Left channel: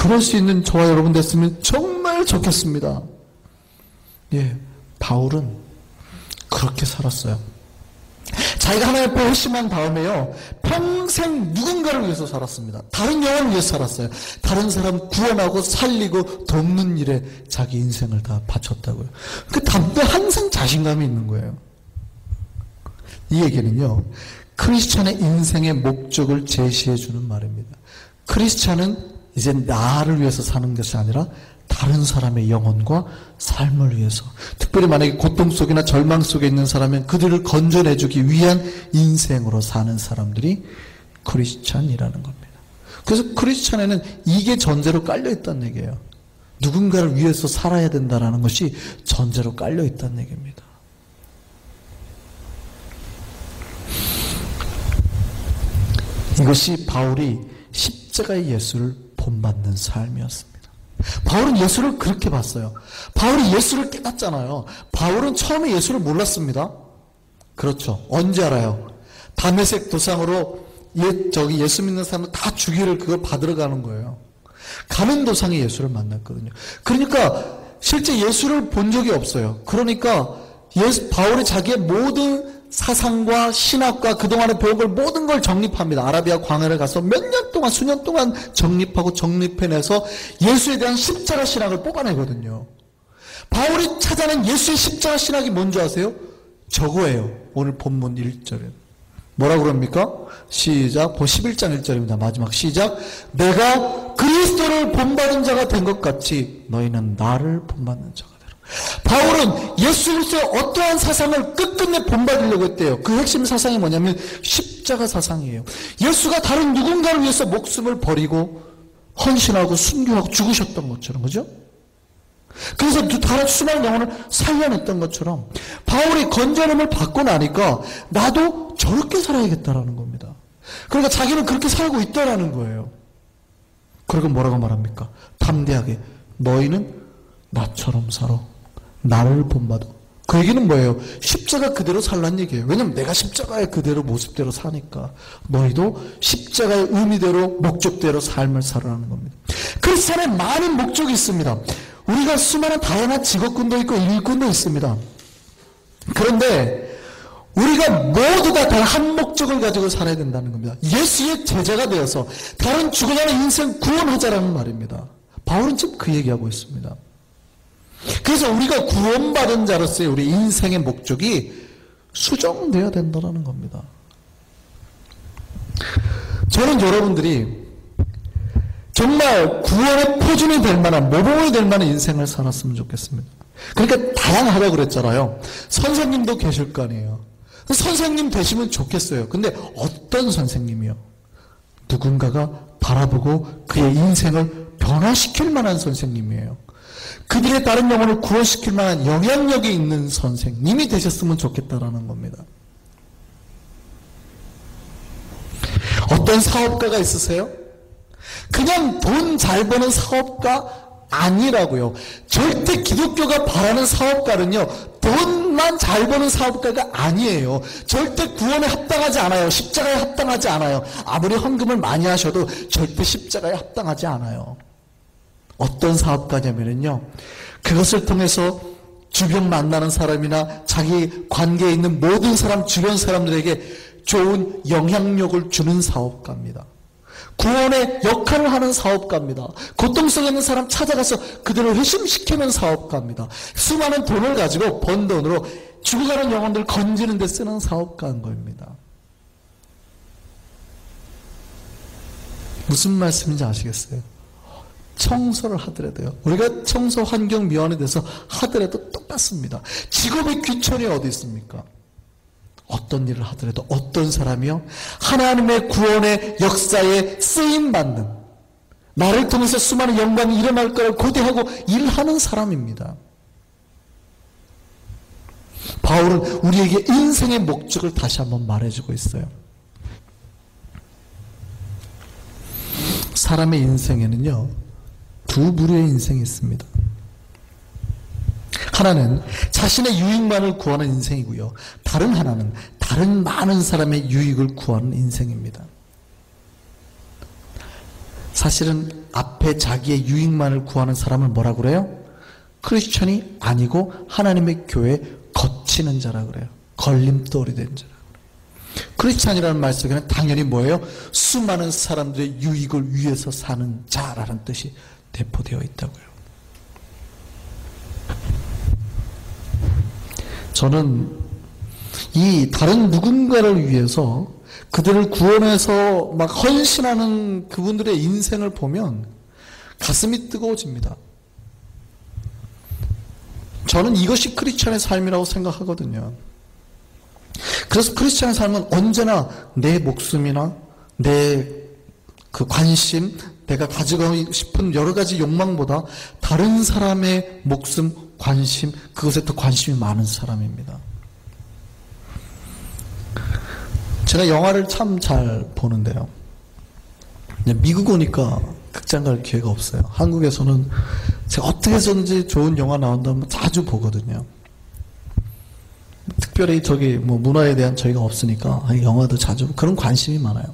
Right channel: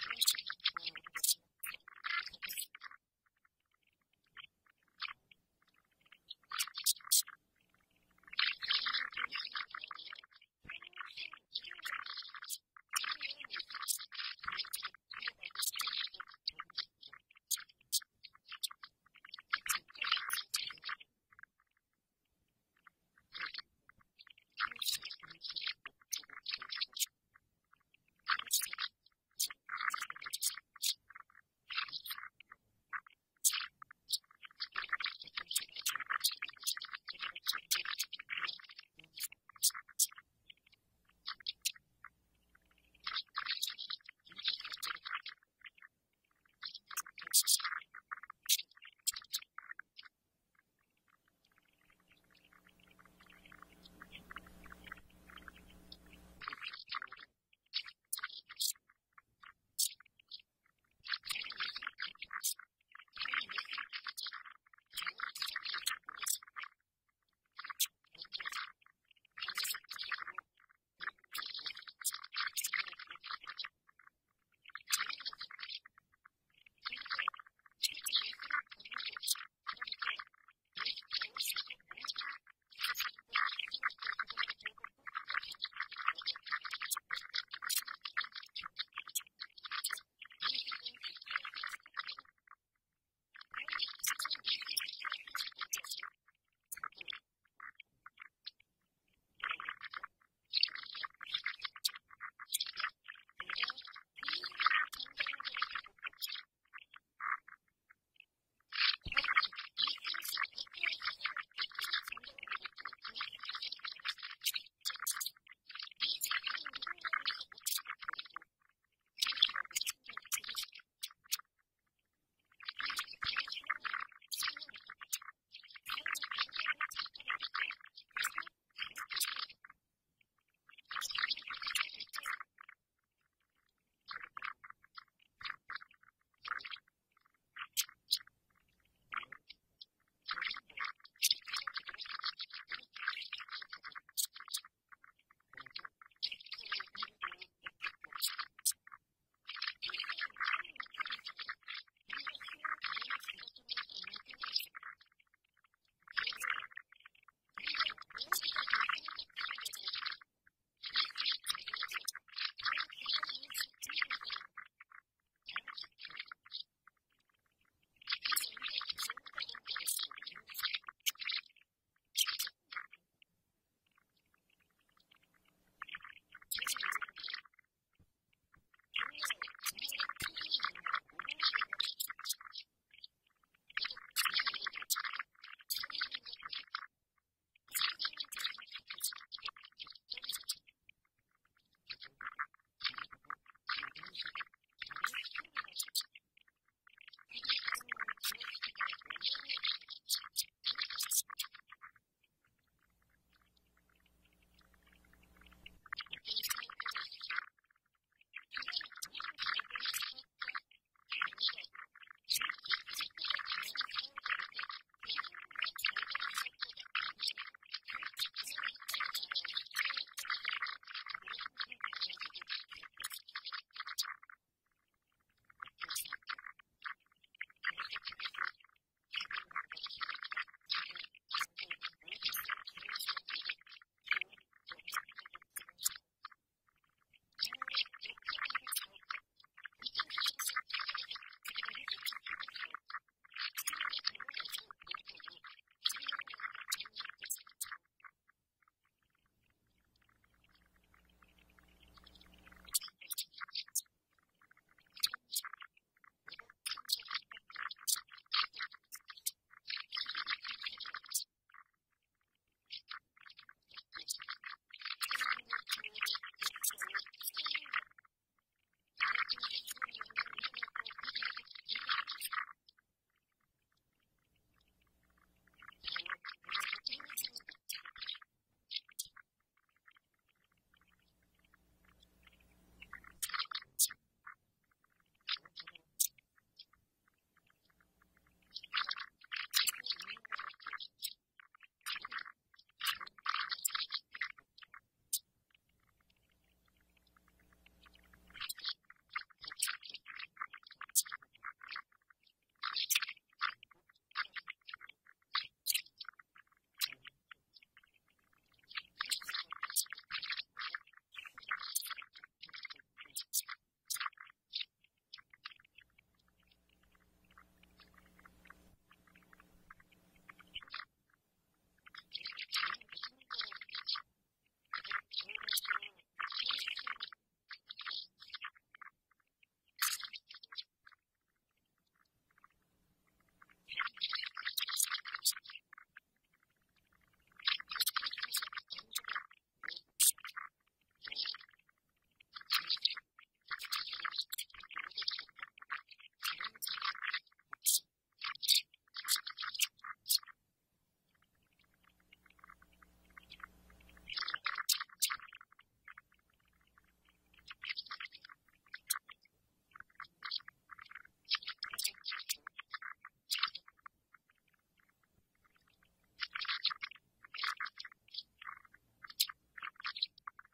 그럴 수 있는 저와 여러분 됐으면 정말 좋겠습니다. 예, 바울은 그렇게 살았어요. 자기가 하나님 앞에 회심한 다음에요, 평생 누군가를 위해서 살았습니다. 다른 영혼을 위해서 살았어요. 다른 사람 구원하고 살리고 돕는 일에 자기 인생을 다 바쳤다고요. 그 다음에 항상 자신감이 있는 거예요. 이 얘기는요, 크리스찬의 인생의 목적을 제시해 주는 말입니다. 크리스찬은 이제 나를 위해서 사는 것이 아니라 다른 사람의 영혼과 삶을 위해서, 특별히 만약에 고통 속이나 절망 속에 있는 사람은 그들을 건져내주기 위한 인생으로 사는 사람들이 크리스찬이라는 겁니다. 그래서 크리스찬에는 이게 전제로 깔려있다는 얘기예요. 누군가를 위해서 살아야 된다는 것이 전제로 깔려있다는 얘기입니다. 이것이 바울이 십자가의 예수를 본받는 삶이었습니다. 바울은 예수를 그렇게 봤어요. 바울이 예수를 깨닫잖아요. 바울은 처음에 예수를 몰랐습니다. 그렇죠. 언제 알아요? 다메섹 도상으로 예수 믿는 사람을 다 죽이를 그걸 받으러 가는 거예요. 가는 도상에 예수를 만났거든요. 그러니까 실제 예수를 본 적이 없어요. 그러니까 바울이 자기의 모든 사상과 신학과 그동안에 배운 걸 모든 걸 정립합니다. 아라비아 광야를 가서 몇 년 동안, 수년 동안 정립하고 정립해내서 예수에 대한 십자가 신학을 뽑아내거든요. 바울이 찾아낸 예수의 십자가 신학이 뭔지 아세요? 저거예요. 오늘 본문 1절에. 뭐라고 그럽니까? 시작. 11장 1절입니다. 마지막 시작. 내가 그리스도를 본받은 자가 된 것 같이 너희는 나를 본받는 자가 되라. 바울은 예수로서의 어떠한 사상을 끝끝내 본받으려고 했대요. 그 핵심 사상이 뭐냐면 십자가 사상이에요. 예수가 다른 누군가를 위해서 목숨을 버리고 헌신하고 순교하고 죽으셨던 것처럼, 그죠? 그래서 다른 수많은 영혼을 살려냈던 것처럼 바울이 건전함을 받고 나니까 나도 저렇게 살아야겠다라는 겁니다. 그러니까 자기는 그렇게 살고 있다라는 거예요. 그리고 뭐라고 말합니까? 담대하게 너희는 나처럼 살아. 나를 본받아. 그 얘기는 뭐예요? 십자가 그대로 살란 얘기예요. 왜냐면 내가 십자가의 그대로 모습대로 사니까 너희도 십자가의 의미대로 목적대로 삶을 살아라는 겁니다. 크리스찬에 많은 목적이 있습니다. 우리가 수많은 다양한 직업군도 있고 일꾼도 있습니다. 그런데 우리가 모두 다 한 목적을 가지고 살아야 된다는 겁니다. 예수의 제자가 되어서 다른 죽어가는 인생 구원하자라는 말입니다. 바울은 지금 그 얘기하고 있습니다. 그래서 우리가 구원받은 자로서의 우리 인생의 목적이 수정되어야 된다는 겁니다. 저는 여러분들이 정말 구원의 표준이 될 만한, 모범이 될 만한 인생을 살았으면 좋겠습니다. 그러니까 다양하다고 그랬잖아요. 선생님도 계실 거 아니에요. 선생님 되시면 좋겠어요. 근데 어떤 선생님이요? 누군가가 바라보고 그의 인생을 변화시킬 만한 선생님이에요. 그들의 다른 영혼을 구원시킬 만한 영향력이 있는 선생님이 되셨으면 좋겠다라는 겁니다. 어떤 사업가가 있으세요? 그냥 돈 잘 버는 사업가 아니라고요. 절대 기독교가 바라는 사업가는요, 돈만 잘 버는 사업가가 아니에요. 절대 구원에 합당하지 않아요. 십자가에 합당하지 않아요. 아무리 헌금을 많이 하셔도 절대 십자가에 합당하지 않아요. 어떤 사업가냐면요, 그것을 통해서 주변 만나는 사람이나 자기 관계에 있는 모든 사람, 주변 사람들에게 좋은 영향력을 주는 사업가입니다. 구원의 역할을 하는 사업가입니다. 고통 속에 있는 사람 찾아가서 그들을 회심시키는 사업가입니다. 수많은 돈을 가지고 번 돈으로 죽어가는 영혼들 건지는 데 쓰는 사업가인 겁니다. 무슨 말씀인지 아시겠어요? 청소를 하더라도요, 우리가 청소 환경 미화원에 대해서 하더라도 똑같습니다. 직업의 귀천이 어디 있습니까? 어떤 일을 하더라도 어떤 사람이요? 하나님의 구원의 역사에 쓰임받는, 나를 통해서 수많은 영광이 일어날 거를 고대하고 일하는 사람입니다. 바울은 우리에게 인생의 목적을 다시 한번 말해주고 있어요. 사람의 인생에는요, 두 부류의 인생이 있습니다. 하나는 자신의 유익만을 구하는 인생이고요, 다른 하나는 다른 많은 사람의 유익을 구하는 인생입니다. 사실은 앞에 자기의 유익만을 구하는 사람을 뭐라 그래요? 크리스천이 아니고 하나님의 교회에 거치는 자라 그래요. 걸림돌이 된 자라 그래요. 크리스천이라는 말 속에는 당연히 뭐예요? 수많은 사람들의 유익을 위해서 사는 자라는 뜻이 내포되어 있다고요. 저는 이 다른 누군가를 위해서 그들을 구원해서 막 헌신하는 그분들의 인생을 보면 가슴이 뜨거워집니다. 저는 이것이 크리스천의 삶이라고 생각하거든요. 그래서 크리스천의 삶은 언제나 내 목숨이나 내 그 관심, 내가 가지고 싶은 여러 가지 욕망보다 다른 사람의 목숨, 관심, 그것에 더 관심이 많은 사람입니다. 제가 영화를 참 잘 보는데요. 미국 오니까 극장 갈 기회가 없어요. 한국에서는 제가 어떻게 해서든지 좋은 영화 나온다면 자주 보거든요. 특별히 저기 뭐 문화에 대한 저희가 없으니까 영화도 자주 그런 관심이 많아요.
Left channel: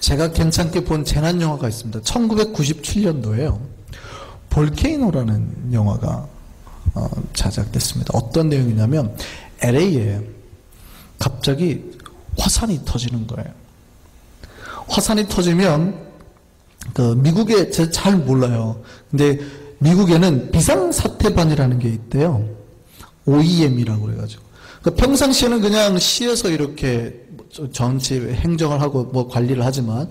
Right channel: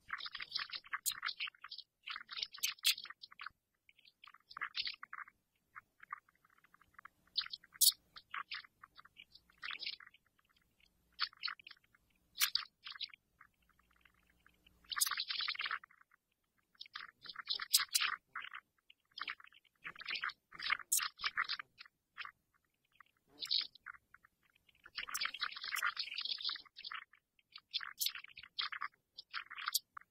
제가 괜찮게 본 재난 영화가 있습니다. 1997년도에요. 볼케이노라는 영화가 제작됐습니다. 어떤 내용이냐면 LA에 갑자기 화산이 터지는 거예요. 화산이 터지면 미국에 제가 잘 몰라요. 근데 미국에는 비상사태반이라는 게 있대요. OEM이라고 그래가지고. 평상시에는 그냥 시에서 이렇게 정치 행정을 하고 뭐 관리를 하지만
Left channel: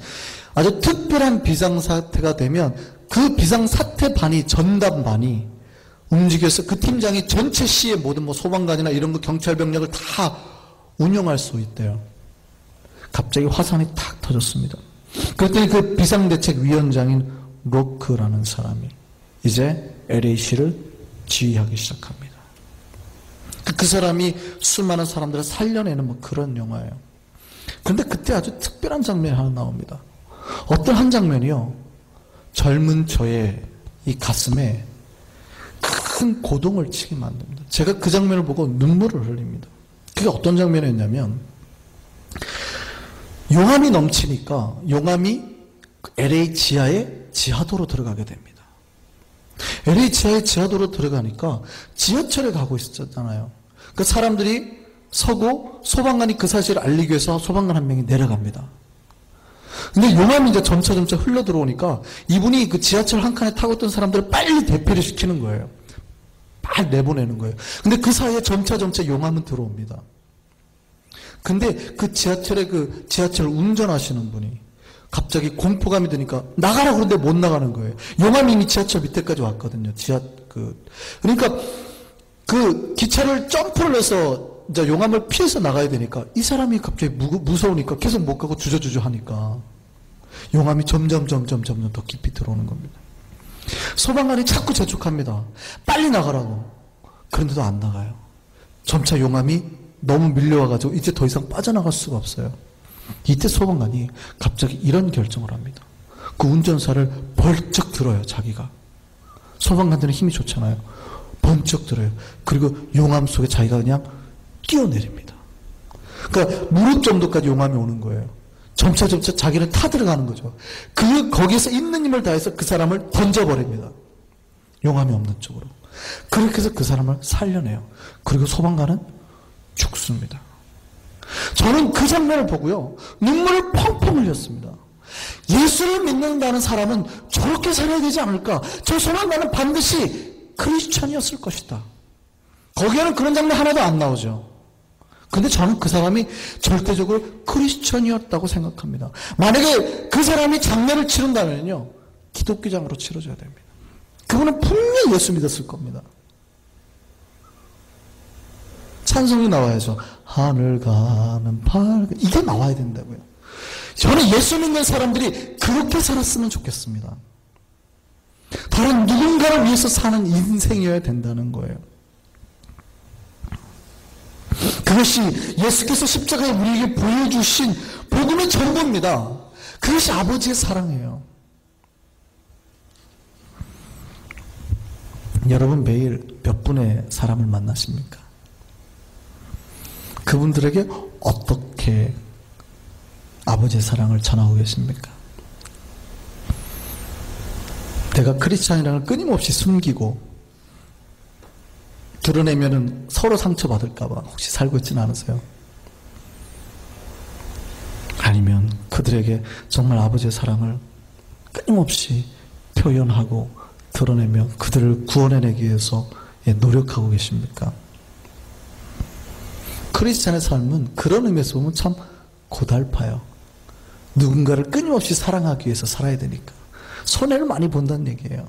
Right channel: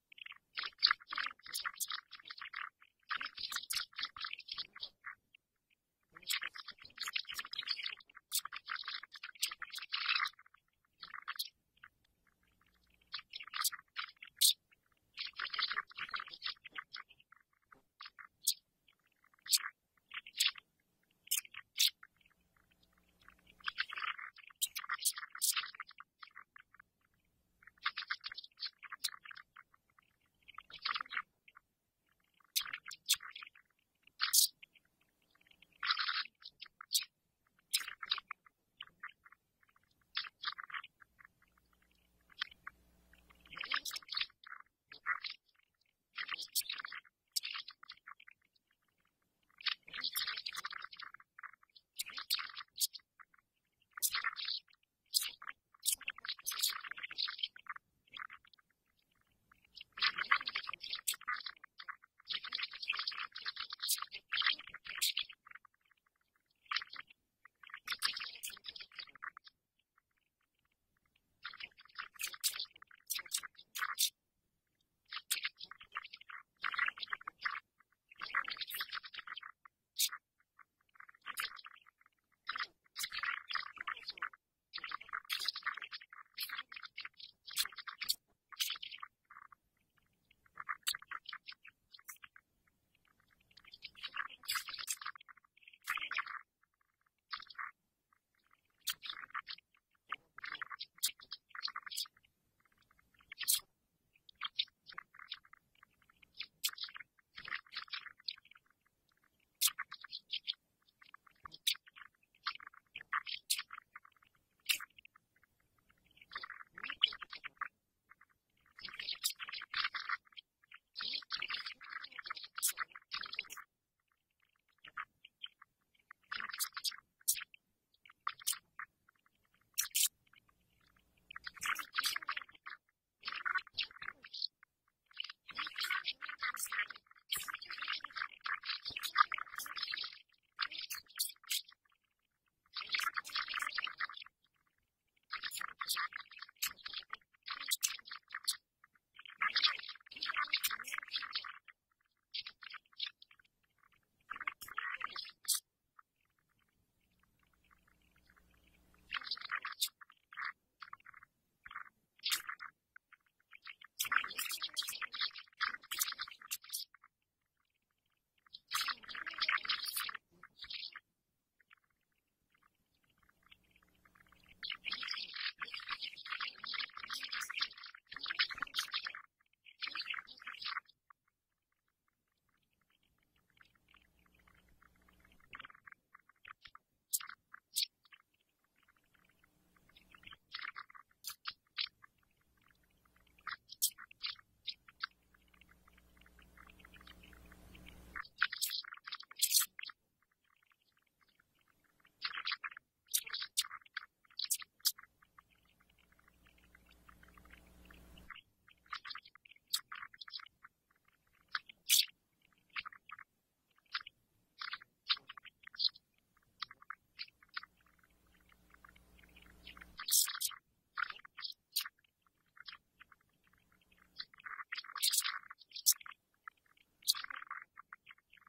아주 특별한 비상사태가 되면 그 비상사태반이 전담반이 움직여서 그 팀장이 전체 시의 모든 뭐 소방관이나 이런 거 경찰 병력을 다 운영할 수 있대요. 갑자기 화산이 탁 터졌습니다. 그랬더니 그 비상대책위원장인 로크라는 사람이 이제 LA시를 지휘하기 시작합니다. 그 사람이 수많은 사람들을 살려내는 뭐 그런 영화예요. 그런데 그때 아주 특별한 장면이 하나 나옵니다. 어떤 한 장면이요. 젊은 저의 이 가슴에 큰 고동을 치게 만듭니다. 제가 그 장면을 보고 눈물을 흘립니다. 그게 어떤 장면이었냐면 용암이 넘치니까 용암이 LA 지하에 지하도로 들어가게 됩니다. LA 지하에 지하도로 들어가니까 지하철에 가고 있었잖아요. 그 사람들이 서고 소방관이 그 사실을 알리기 위해서 소방관 한 명이 내려갑니다. 근데 용암이 이제 점차 흘러 들어오니까 이분이 그 지하철 한 칸에 타고 있던 사람들을 빨리 대피를 시키는 거예요. 빨리 내보내는 거예요. 근데 그 사이에 점차 용암은 들어옵니다. 근데 그 지하철 운전하시는 분이 갑자기 공포감이 드니까 나가라고 그러는데 못 나가는 거예요. 용암이 이미 지하철 밑에까지 왔거든요. 그러니까 그 기차를 점프를 해서 이제 용암을 피해서 나가야 되니까 이 사람이 갑자기 무서우니까 계속 못 가고 주저주저 하니까 용암이 점점 더 깊이 들어오는 겁니다. 소방관이 자꾸 재촉합니다. 빨리 나가라고. 그런데도 안 나가요. 점차 용암이 너무 밀려와가지고 이제 더 이상 빠져나갈 수가 없어요. 이때 소방관이 갑자기 이런 결정을 합니다. 그 운전사를 벌쩍 들어요, 자기가. 소방관들은 힘이 좋잖아요. 번쩍 들어요. 그리고 용암 속에 자기가 그냥 뛰어내립니다. 그러니까 무릎 정도까지 용암이 오는 거예요. 점차 자기는 타들어가는 거죠. 거기서 있는 힘을 다해서 그 사람을 던져버립니다. 용암이 없는 쪽으로. 그렇게 해서 그 사람을 살려내요. 그리고 소방관은 죽습니다. 저는 그 장면을 보고요. 눈물을 펑펑 흘렸습니다. 예수를 믿는다는 사람은 저렇게 살아야 되지 않을까? 저 소방관은 반드시 크리스천이었을 것이다. 거기에는 그런 장면 하나도 안 나오죠. 근데 저는 그 사람이 절대적으로 크리스천이었다고 생각합니다. 만약에 그 사람이 장례를 치른다면요. 기독교장으로 치러져야 됩니다. 그분은 분명히 예수 믿었을 겁니다. 찬송이 나와야죠. 하늘 가는 밝은 이게 나와야 된다고요. 저는 예수 믿는 사람들이 그렇게 살았으면 좋겠습니다. 다른 누군가를 위해서 사는 인생이어야 된다는 거예요. 그것이 예수께서 십자가에 우리에게 보여주신 복음의 전부입니다. 그것이 아버지의 사랑이에요. 여러분 매일 몇 분의 사람을 만나십니까? 그분들에게 어떻게 아버지의 사랑을 전하고 계십니까? 내가 크리스찬이라는 걸 끊임없이 숨기고 드러내면은 서로 상처받을까봐 혹시 살고 있지는 않으세요? 아니면 그들에게 정말 아버지의 사랑을 끊임없이 표현하고 드러내며 그들을 구원해내기 위해서 노력하고 계십니까? 크리스찬의 삶은 그런 의미에서 보면 참 고달파요. 누군가를 끊임없이 사랑하기 위해서 살아야 되니까 손해를 많이 본다는 얘기예요.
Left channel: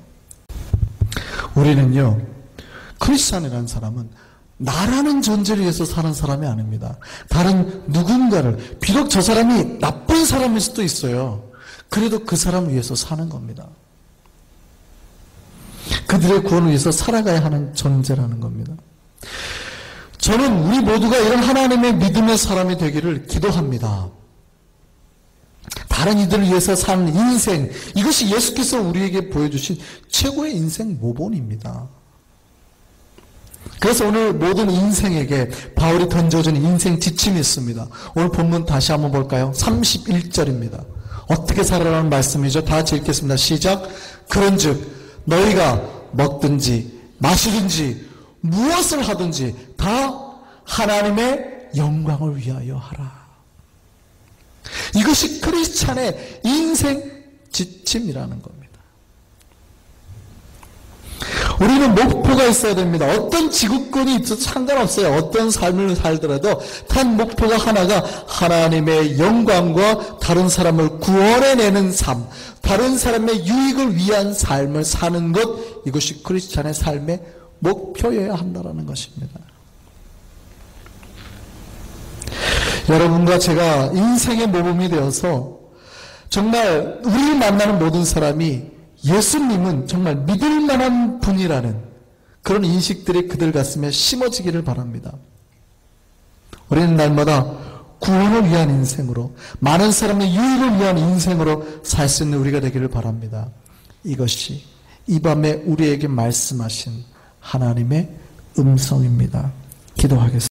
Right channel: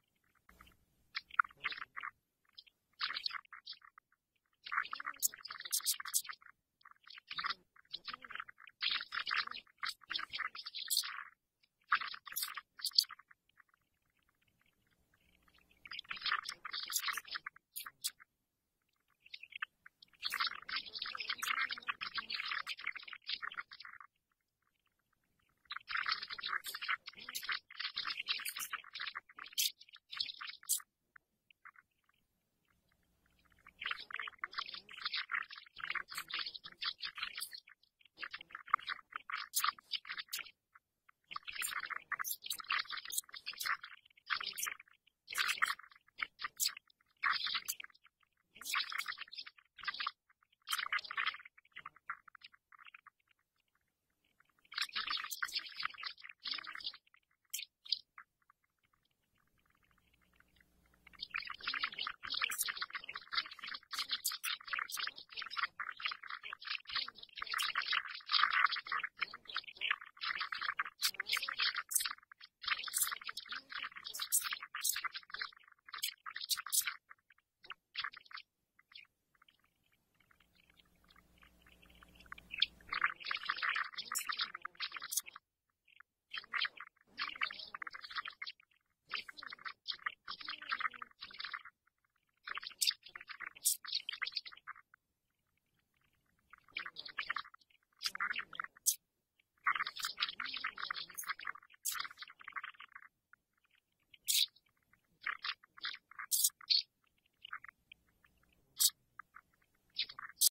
우리는요, 크리스찬이라는 사람은 나라는 존재를 위해서 사는 사람이 아닙니다. 다른 누군가를, 비록 저 사람이 나쁜 사람일 수도 있어요. 그래도 그 사람을 위해서 사는 겁니다. 그들의 구원을 위해서 살아가야 하는 존재라는 겁니다. 저는 우리 모두가 이런 하나님의 믿음의 사람이 되기를 기도합니다. 다른 이들을 위해서 사는 인생, 이것이 예수께서 우리에게 보여주신 최고의 인생 모본입니다. 그래서 오늘 모든 인생에게 바울이 던져준 인생 지침이 있습니다. 오늘 본문 다시 한번 볼까요? 31절입니다. 어떻게 살아라는 말씀이죠? 다 같이 읽겠습니다. 시작. 그런즉 너희가 먹든지 마시든지 무엇을 하든지 다 하나님의 영광을 위하여 하라. 이것이 크리스찬의 인생 지침이라는 겁니다. 우리는 목표가 있어야 됩니다. 어떤 지구권이 있어도 상관없어요. 어떤 삶을 살더라도 단 목표가 하나가 하나님의 영광과 다른 사람을 구원해내는 삶, 다른 사람의 유익을 위한 삶을 사는 것, 이것이 크리스찬의 삶의 목표여야 한다는 것입니다. 여러분과 제가 인생의 모범이 되어서 정말 우리를 만나는 모든 사람이 예수님은 정말 믿을 만한 분이라는 그런 인식들이 그들 가슴에 심어지기를 바랍니다. 우리는 날마다 구원을 위한 인생으로, 많은 사람의 유익을 위한 인생으로 살 수 있는 우리가 되기를 바랍니다. 이것이 이 밤에 우리에게 말씀하신 하나님의 음성입니다. 기도하겠습니다.